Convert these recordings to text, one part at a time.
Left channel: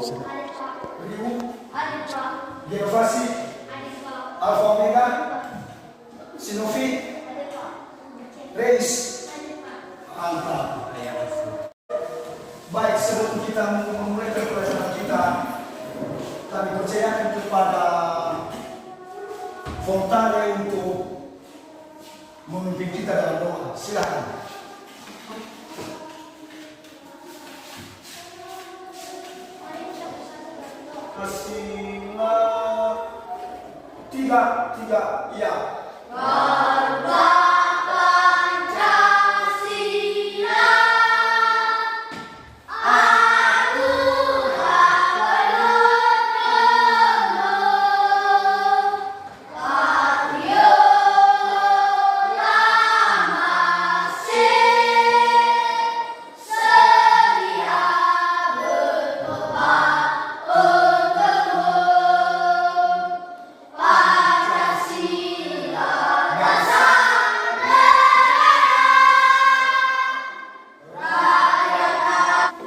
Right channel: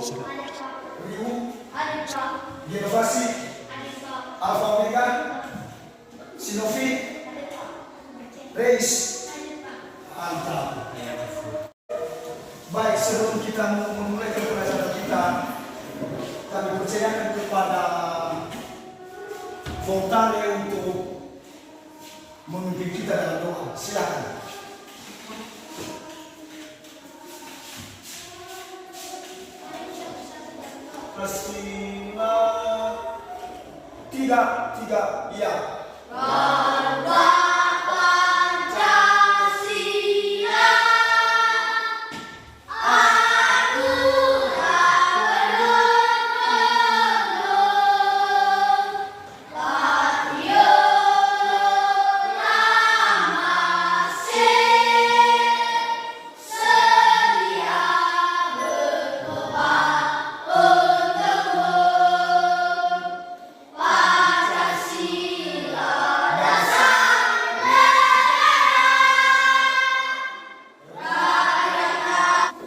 Riu, Genovasi, Alfa Omega, Sinovi, Reis. Mantap. Baik, sebelum kita memulai pelajaran kita, kami percayakan kepada Fontane untuk memimpin kita dalam doa. Silakan. Pancasila, tiga, ya.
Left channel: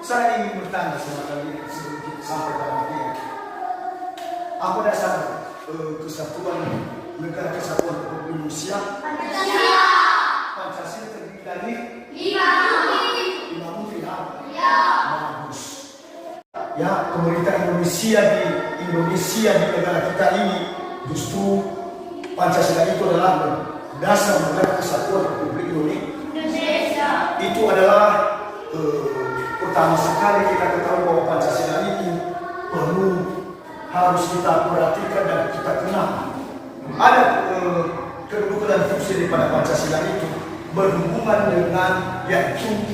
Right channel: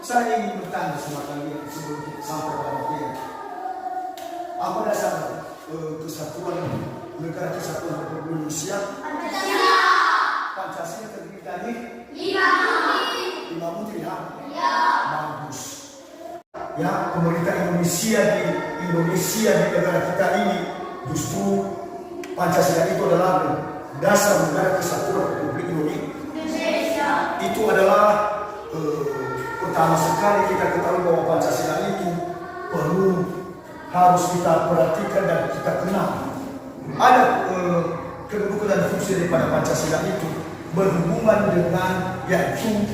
Saya ingin bertanya sama kalian sebelum kita sampai pada materi. Apa dasar kesatuan negara kesatuan Republik Indonesia? Pancasila. Pancasila terdiri dari 5 menteri. Ya. Bagus. Ya, pemerintah Indonesia di negara kita ini justru Pancasila itu adalah dasar negara kesatuan Republik Indonesia. Itu adalah pertama sekali kita ketahui bahwa Pancasila itu harus kita perhatikan dan kita kenal. Ada kedudukan dan fungsi daripada Pancasila itu berhubungan dengan yaitu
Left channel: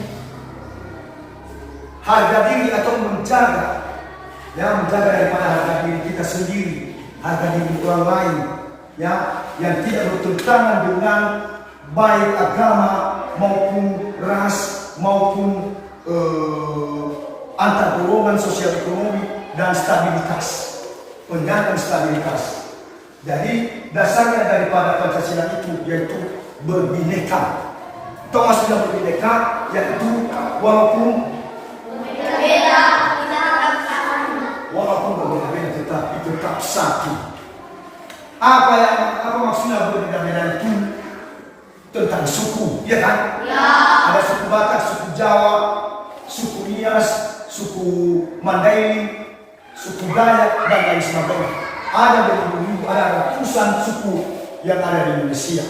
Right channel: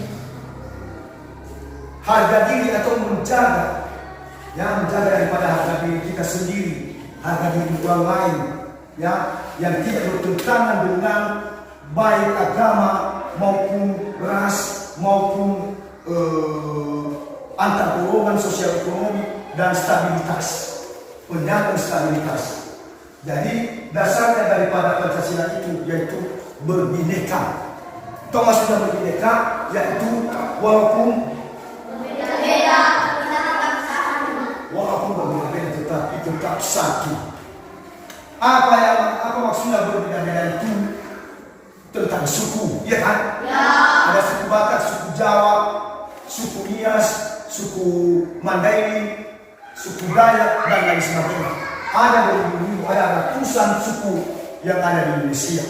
harga diri atau menjaga daripada harga diri kita sendiri, harga diri orang lain, ya, yang tidak bertentangan dengan baik agama maupun ras maupun antar golongan sosial ekonomi dan stabilitas, penjagaan stabilitas. Jadi dasarnya daripada Pancasila itu yaitu berbineka. Atau maksudnya berbineka yaitu walaupun berbeda tetapi tetap satu. Apa maksudnya berbeda-beda itu? Tentang suku, ya kan? Ya. Ada suku Batak, suku Jawa, suku Nias, suku Mandailing, suku Dayak, dan lain sebagainya. Ada ratusan suku yang ada di Indonesia.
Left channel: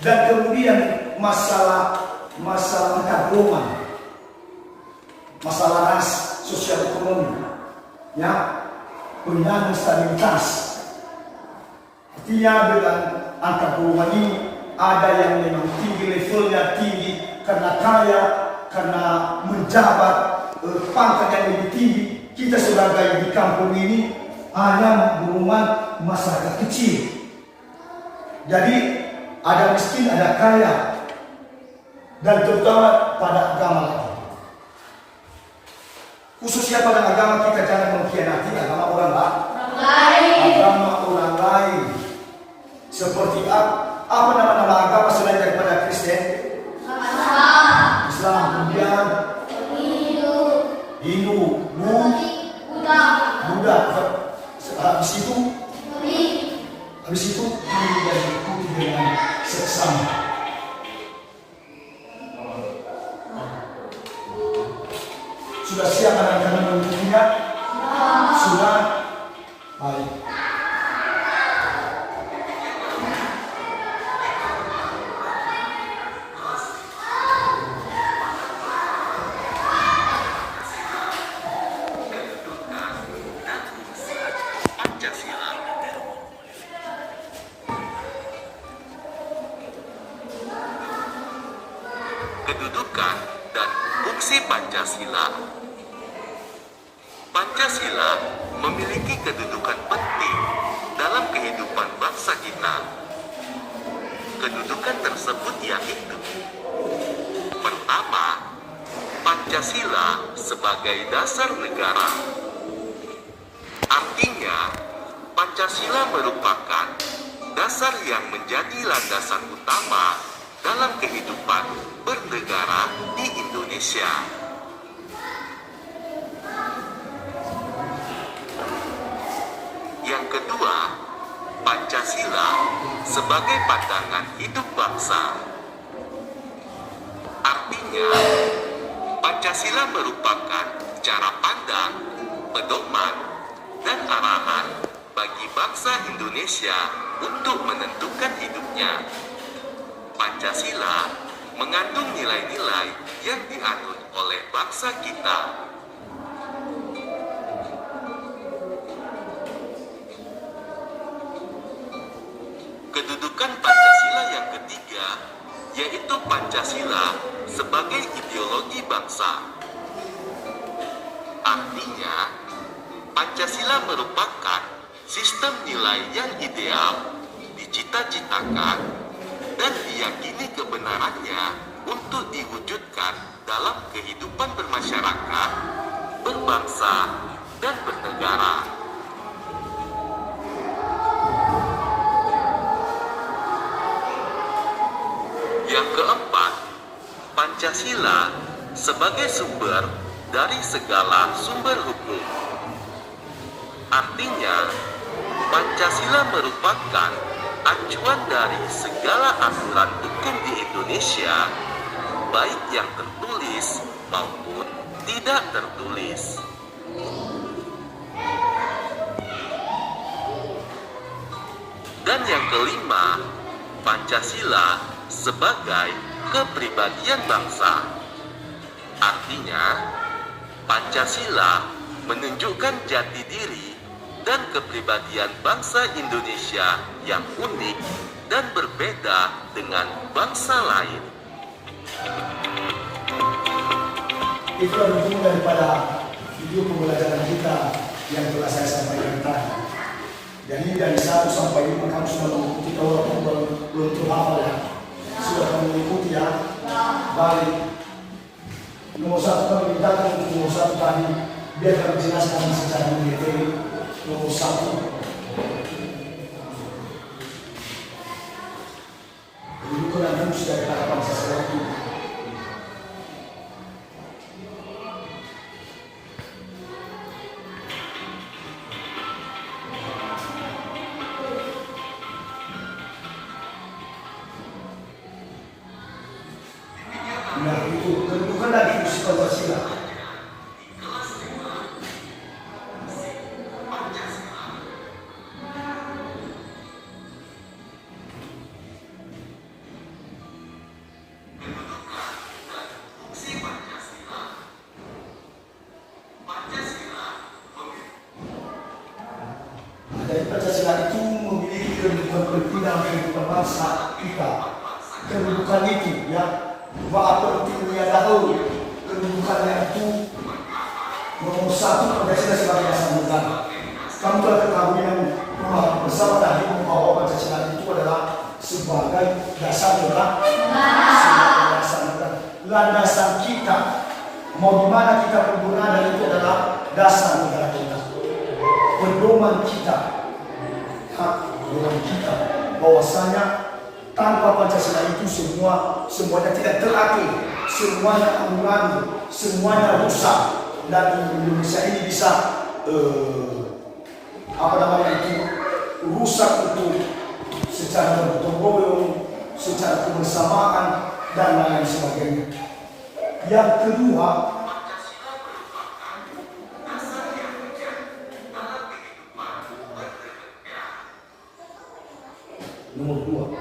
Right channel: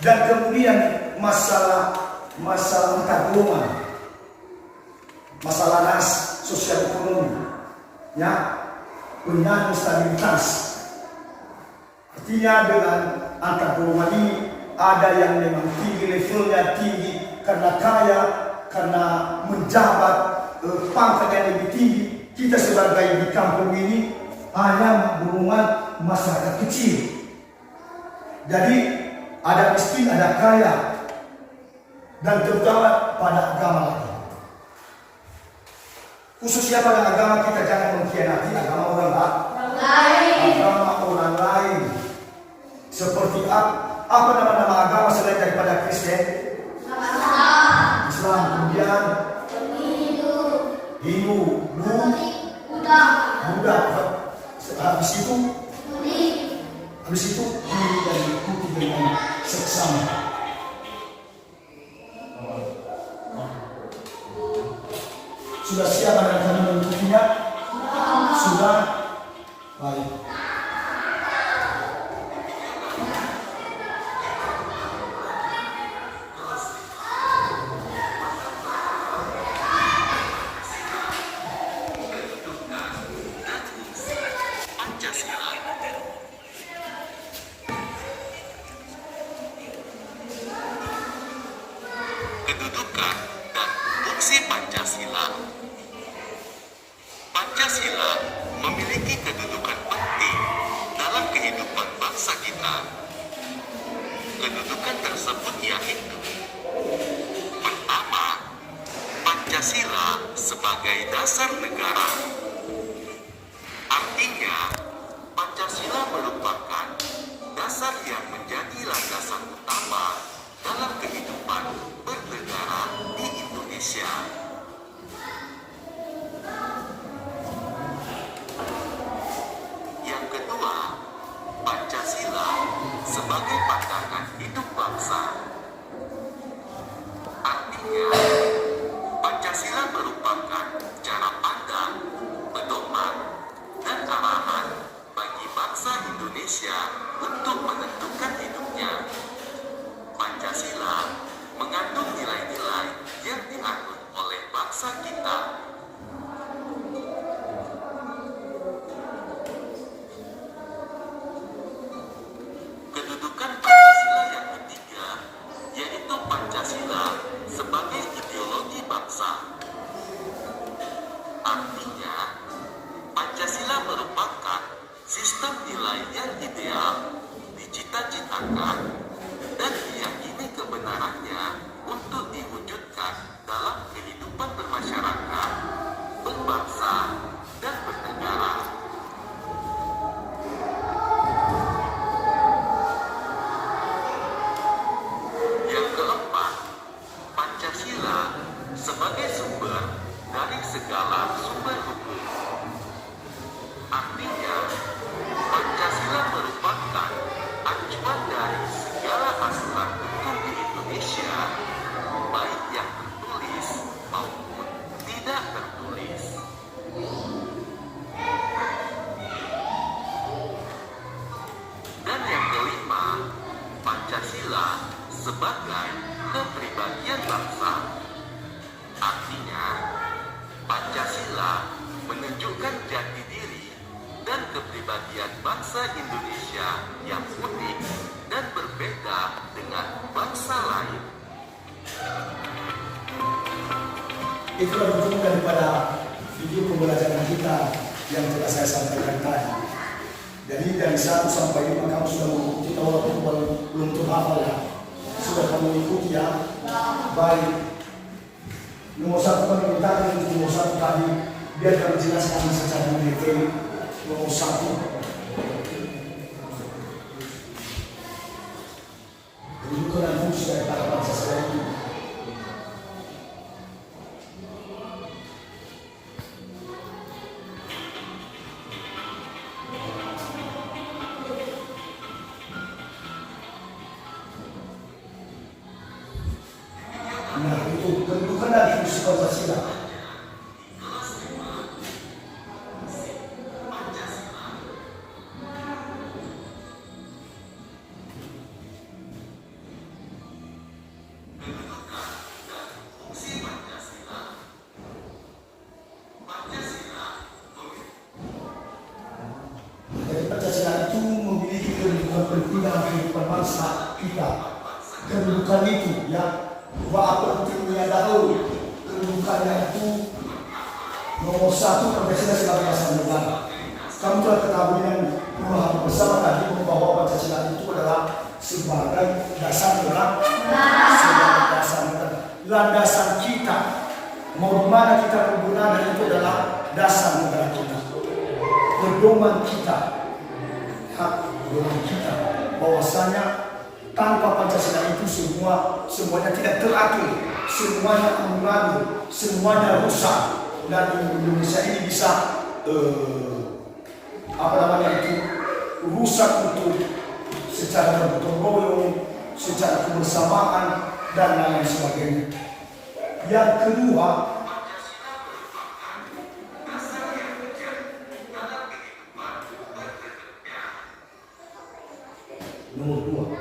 Dan kemudian masalah antar golongan, masalah ras, sosial ekonomi, ya, penyandang stabilitas. Artinya dengan antar golongan ini ada yang memang tinggi, levelnya tinggi karena kaya, karena menjabat, pangkat yang lebih tinggi. Kita sebagai di kampung ini hanya golongan masyarakat kecil. Jadi ada miskin, ada kaya, dan terutama pada agama lain. Khususnya pada agama kita jangan mengkhianati agama orang lain. Agama orang lain. Seperti apa nama-nama agama selain daripada Kristen? Islam, kemudian Hindu, Buddha. Habis itu dan diikuti dengan seksama. Sudah siap anak-anak mengikutinya? Sudah? Baik. Kedudukan dan fungsi Pancasila. Pancasila memiliki kedudukan penting dalam kehidupan bangsa kita. Kedudukan tersebut yaitu: pertama, Pancasila sebagai dasar negara. Artinya, Pancasila merupakan dasar yang menjadi landasan utama dalam kehidupan bernegara di Indonesia. sebagai pandangan hidup bangsa. Artinya, Pancasila merupakan cara pandang, pedoman, dan arahan bagi bangsa Indonesia untuk menentukan hidupnya. Pancasila mengandung nilai-nilai yang dianut oleh bangsa kita. Kedudukan Pancasila yang ketiga, yaitu Pancasila sebagai ideologi bangsa. Artinya, Pancasila merupakan sistem nilai yang ideal, dicita-citakan, dan diyakini kebenarannya untuk diwujudkan dalam kehidupan bermasyarakat, berbangsa, dan bernegara. Yang keempat, Pancasila sebagai sumber dari segala sumber hukum. Artinya, Pancasila merupakan acuan dari segala aturan hukum di Indonesia, baik yang tertulis maupun tidak tertulis. Dan yang kelima, Pancasila sebagai kepribadian bangsa. Artinya, Pancasila menunjukkan jati diri dan kepribadian bangsa Indonesia yang unik dan berbeda dengan bangsa lain. Itulah bentuk daripada video pembelajaran kita yang telah saya sampaikan tadi. Jadi dari 1 sampai 5 kamu sudah mengikuti, kalau kamu belum terhafal ya, sudah kamu mengikuti ya. Baik. Nomor 1 kami mintakan untuk nomor 1 tadi, biar kami jelaskan secara mendetail. Nomor 1, kedudukan dan fungsi dari kata Pancasila itu. Nah, itu kedudukan dan fungsi Pancasila. Jadi Pancasila itu memiliki kedudukan penting dalam kehidupan bangsa kita. Kedudukan itu ya, apa pentingnya dahulu kedudukannya itu. Nomor 1, Pancasila sebagai dasar negara. Kamu telah ketahui yang pemahaman bersama tadi bahwa Pancasila itu adalah sebagai dasar negara. Sebagai dasar negara. Landasan kita, mau di mana kita berada itu adalah dasar negara kita. Pedoman kita, pedoman kita, bahwasanya tanpa Pancasila itu semuanya tidak teratur, semuanya amburadul, semuanya rusak, dan Indonesia ini bisa rusak untuk secara bergotong royong, secara kebersamaan dan lain sebagainya. Yang kedua, nomor 2,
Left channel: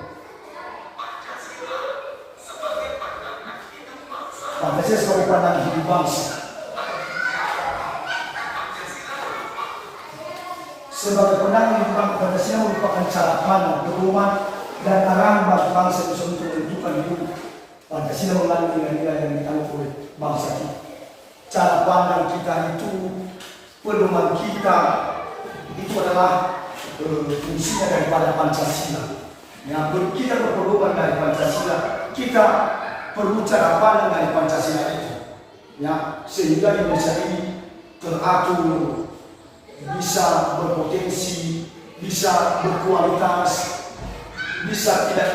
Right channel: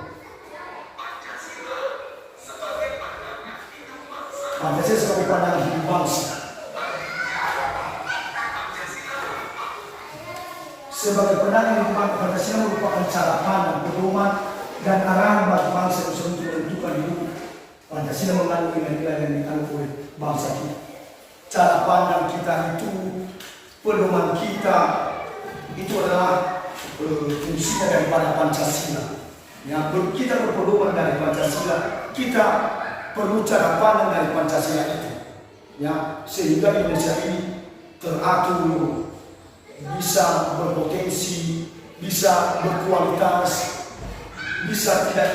Pancasila sebagai pandangan hidup bangsa. Sebagai pandangan hidup bangsa, Pancasila merupakan cara pandang, pedoman, dan arahan bagi bangsa Indonesia untuk menentukan hidup. Pancasila mengandung nilai-nilai yang dianut oleh bangsa kita. Cara pandang kita itu, pedoman kita, itu adalah fungsinya daripada Pancasila. Yang kita berpedoman dari Pancasila, kita perlu cara pandang dari Pancasila itu, ya, sehingga Indonesia ini teratur, bisa berpotensi, bisa berkualitas, bisa tidak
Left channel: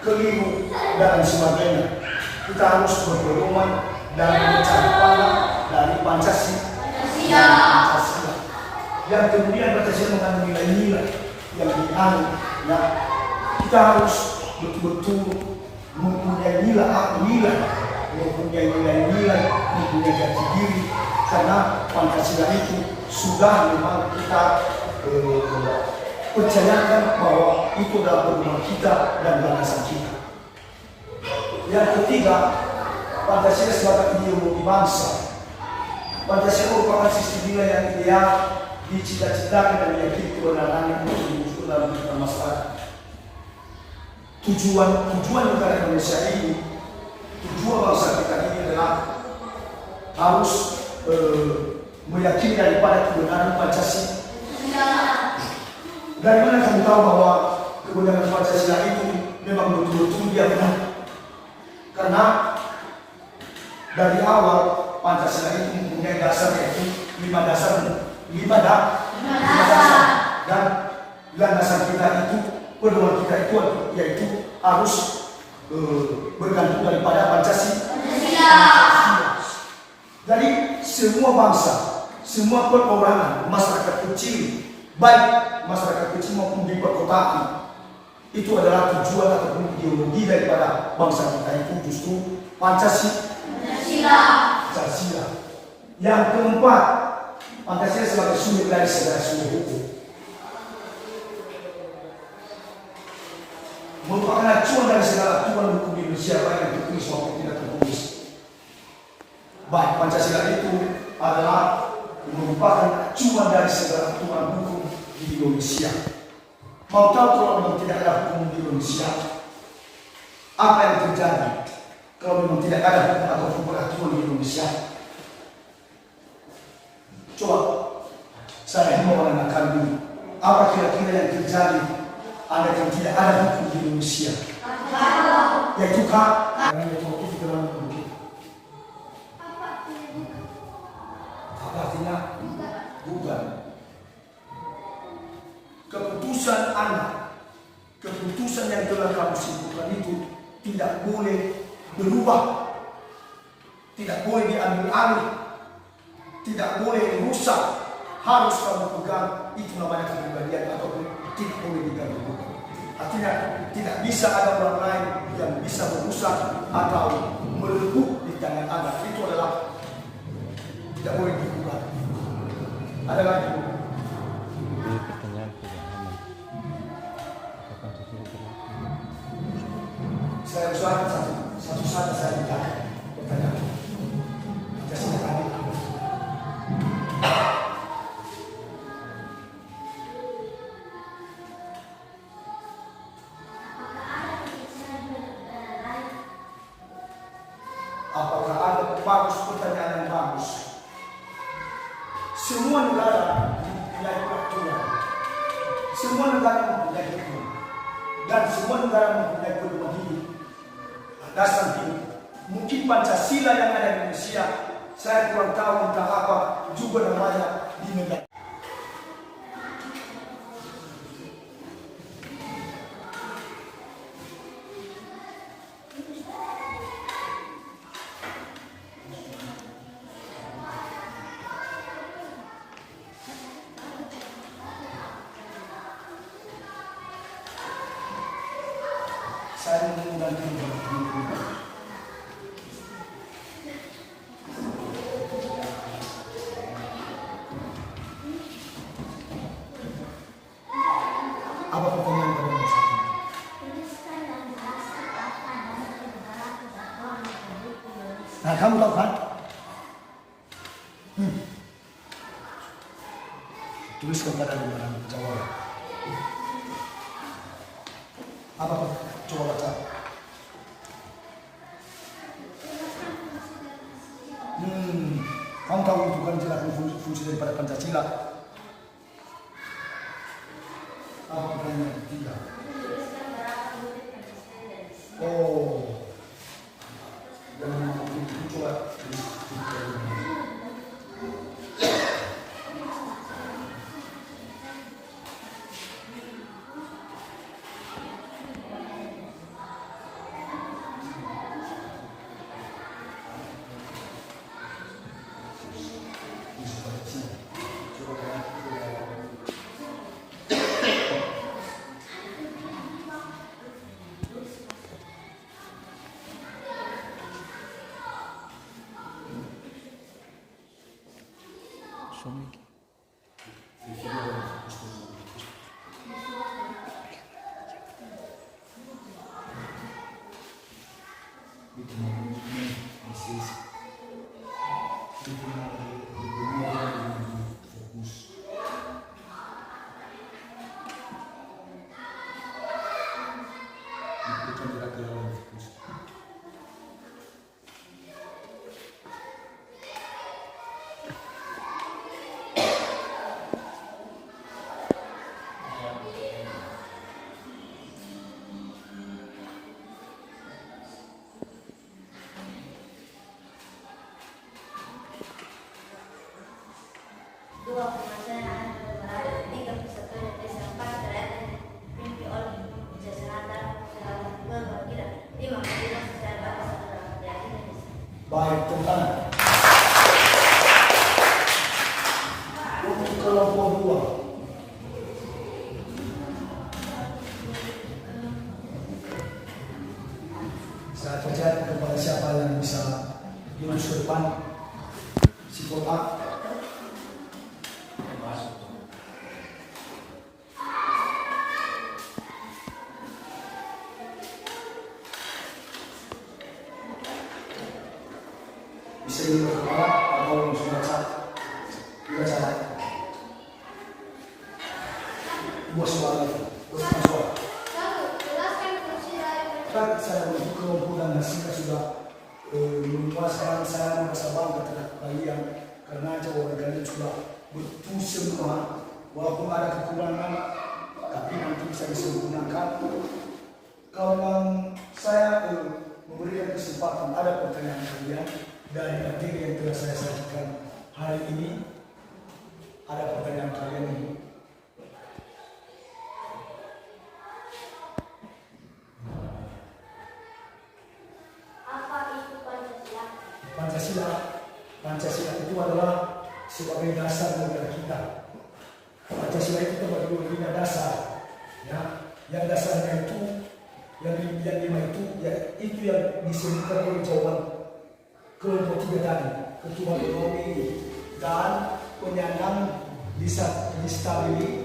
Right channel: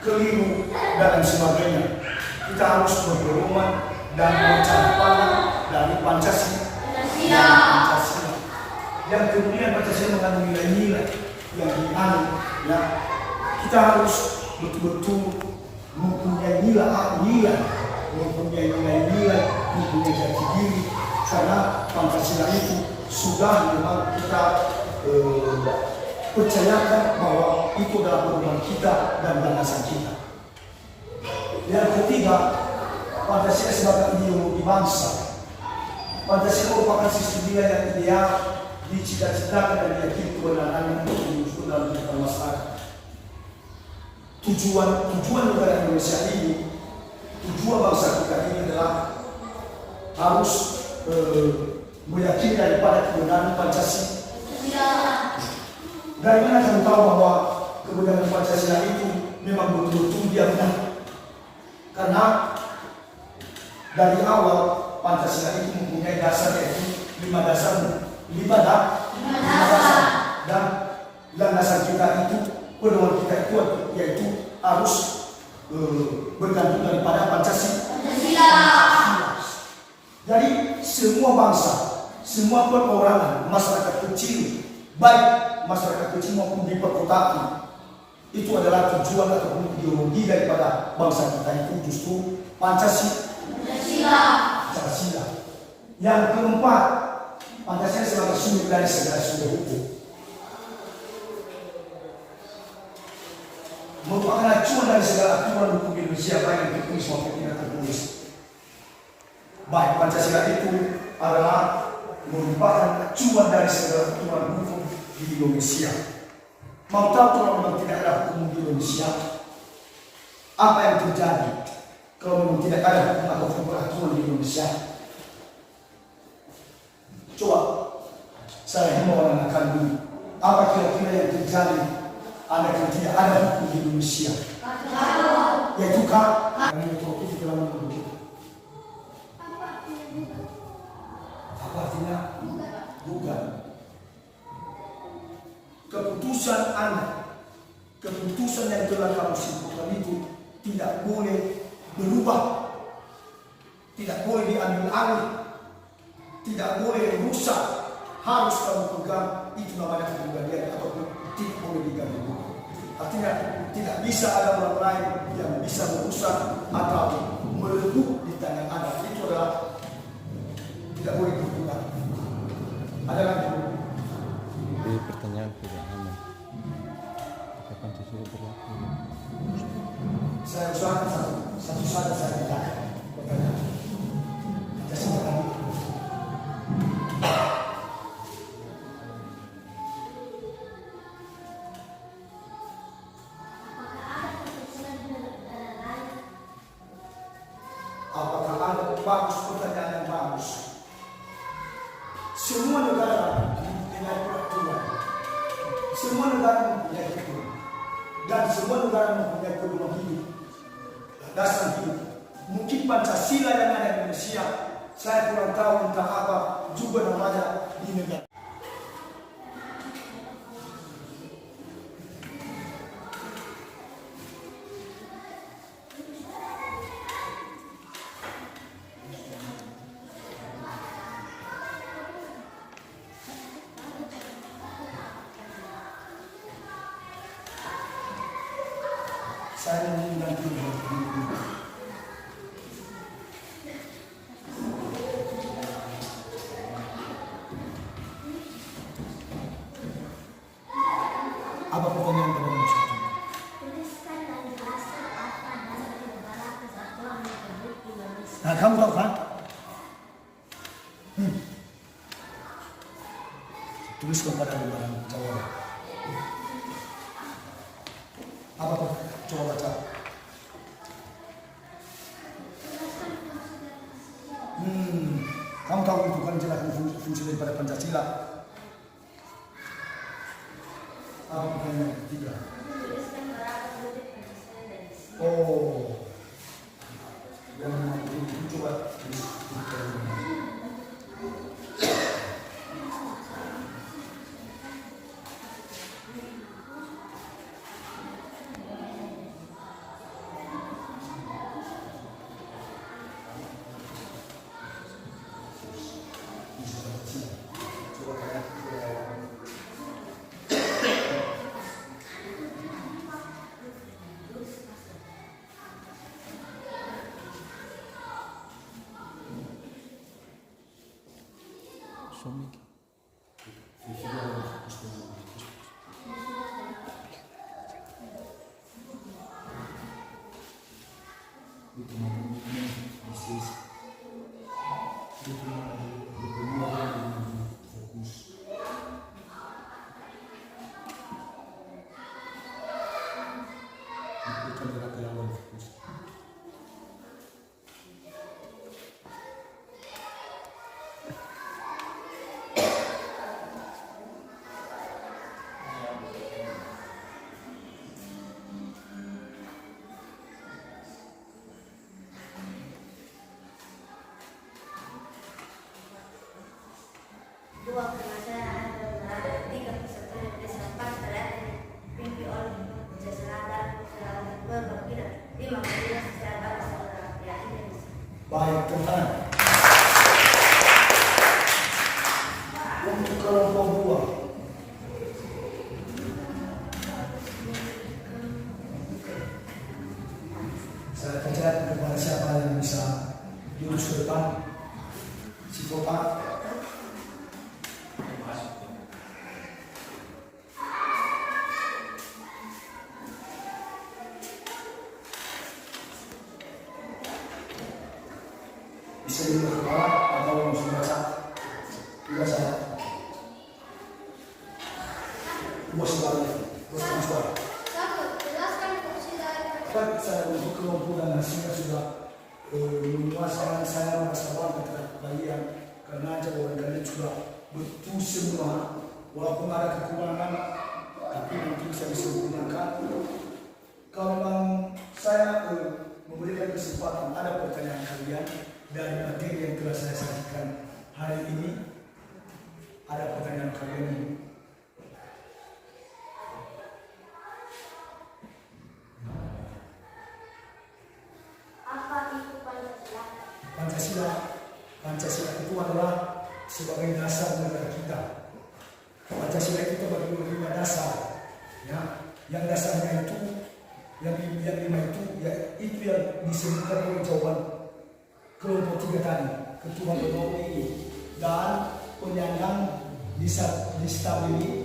keliru dan sebagainya. Kita harus berpedoman dan cara pandang dari Pancasila. Yang kemudian Pancasila mengandung nilai-nilai yang dianut, ya, kita harus betul-betul mempunyai nilai, mempunyai jati diri, karena Pancasila itu sudah memang kita percayakan bahwa itu adalah pedoman kita dan landasan kita. Yang ketiga, Pancasila sebagai ideologi bangsa. Pancasila merupakan sistem nilai yang ideal, dicita-citakan dan diyakini kebenarannya untuk diwujudkan dalam kehidupan masyarakat. Tujuan negara Indonesia ini, tujuan bangsa kita ini adalah harus meyakini daripada kebenaran Pancasila. Dari mana kamu tahu bahwa kebenaran Pancasila itu memang betul-betul dia benar? Karena dari awal Pancasila itu mempunyai dasar, yaitu 5 dasar. Dan landasan kita itu, pedoman kita itu yaitu harus bergantung daripada Pancasila. Jadi semua bangsa, semua perorangan, masyarakat kecil, baik masyarakat kecil maupun di perkotaan, itu adalah tujuan ataupun ideologi daripada bangsa kita itu justru Pancasila. Yang keempat, Pancasila sebagai sumber dari segala sumber hukum, merupakan acuan dari segala aturan hukum Indonesia, baik yang tertulis maupun tidak tertulis. Baik, Pancasila itu adalah merupakan acuan dari segala aturan hukum di Indonesia. Mau tahu kalau memang tidak ada hukum di Indonesia, apa yang terjadi kalau memang tidak ada hukum atau peraturan di Indonesia? Coba saya himbau anak kandung, apa kira-kira yang terjadi andaikan tidak ada hukum di Indonesia? Yaitu karena itu kita lakukan. Apa artinya? Bukan. Keputusan Anda, keputusan yang telah kamu simpulkan itu tidak boleh berubah, tidak boleh diambil alih, tidak boleh rusak, harus kamu pegang. Itu namanya kepribadian ataupun tidak boleh diganggu. Artinya tidak bisa ada orang lain yang bisa merusak atau melebur di tangan Anda. Itu adalah tidak boleh diubah. Ada lagi? Jadi pertanyaan tidak aman. Apakah Pancasila berlaku? Saya usahakan satu saat saya ditanya pertanyaan. Pancasila tadi. Apakah ada bagus, pertanyaan yang bagus? Semua negara mempunyai peraturan, semua negara mempunyai hukum, dan semua negara mempunyai pedoman hidup, landasan hidup. Mungkin Pancasila yang ada di Indonesia, saya kurang tahu entah apa juga namanya di negara. Saya mengundang apa pertanyaan pada nomor 1? Nah, kamu tahu kan? Tulis kepada lembaran jawaban. Apa pertanyaan? Coba baca. Kamu tahu itu kan jelaskan fungsi daripada Pancasila. Apa pertanyaan yang ketiga? Oh, dan coba. Suami. Dua permasalahan berada tiga persatuan yang disampaikan terhadap mimpi oleh kesehatan selama berwakil lima kemudian secara bahasa dalam Indonesia. Baik, tentang untuk kelompok dua. Saya percaya kepada siapa yang bisa jurus ke depan si kota. Bisa diperkawat atau sudah salah. Bos balik, bos masuk. Satu, jelaskan fungsi dari Kan saya untuk kelompok dan hasilnya sudah memuaskan. Saya merasa bangga terhadap kalian karena jawaban kalian sudah betul semua. Walaupun ada kekurangan, tapi nanti bisa disempurnakan. Kalau saya memberikan kesempatan ada pertanyaan kalian dari materi yang telah saya sajikan hari ini, ada pertanyaan kalian ini. apa itu Pancasila? Pancasila itu adalah sebagai dasar negara kita. Pancasila itu terbagi lima dasar, ya. Yang dasarnya itu, yang lima itu, ya itu yang disebutkan oleh jawaban kelompok tiga tadi, ketuhanan ekonomi dan penyandang disabilitas.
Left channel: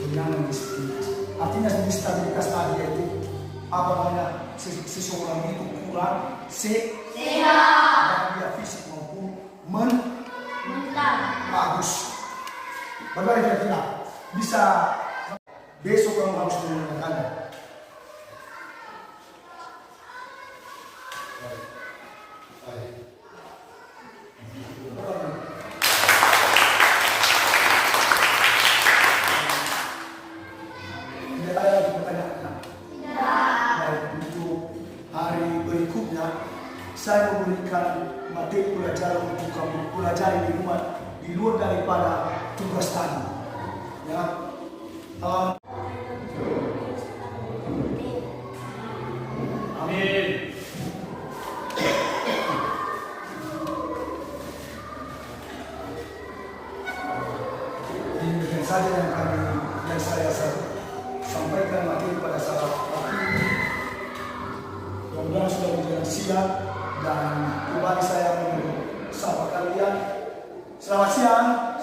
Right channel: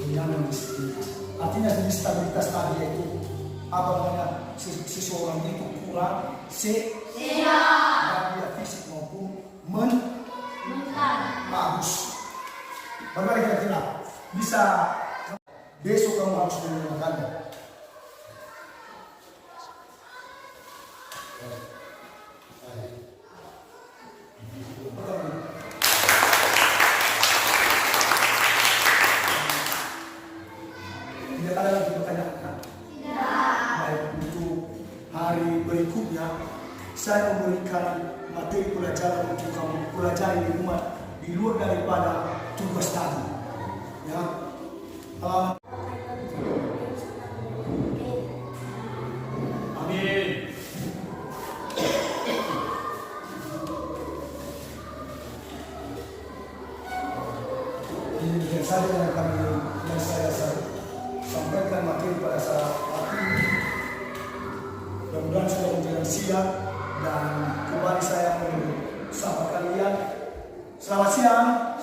Penyandang disabilitas. Artinya disabilitas tadi itu apa namanya, seseorang itu kurang sehat, baik fisik maupun mental. Bagus. Bagaimana kira-kira bisa besok kamu harus menggunakannya? Tidak ada lagi pertanyaan. Baik, untuk hari berikutnya saya memberikan materi pelajaran untuk kamu pelajari di rumah di luar daripada tugas tadi. Ya, amin. Demikian saja yang saya sampaikan materi pada saat ini. Mudah-mudahan sudah menjadi siap dan kembali saya mau sapa kalian. Selamat siang.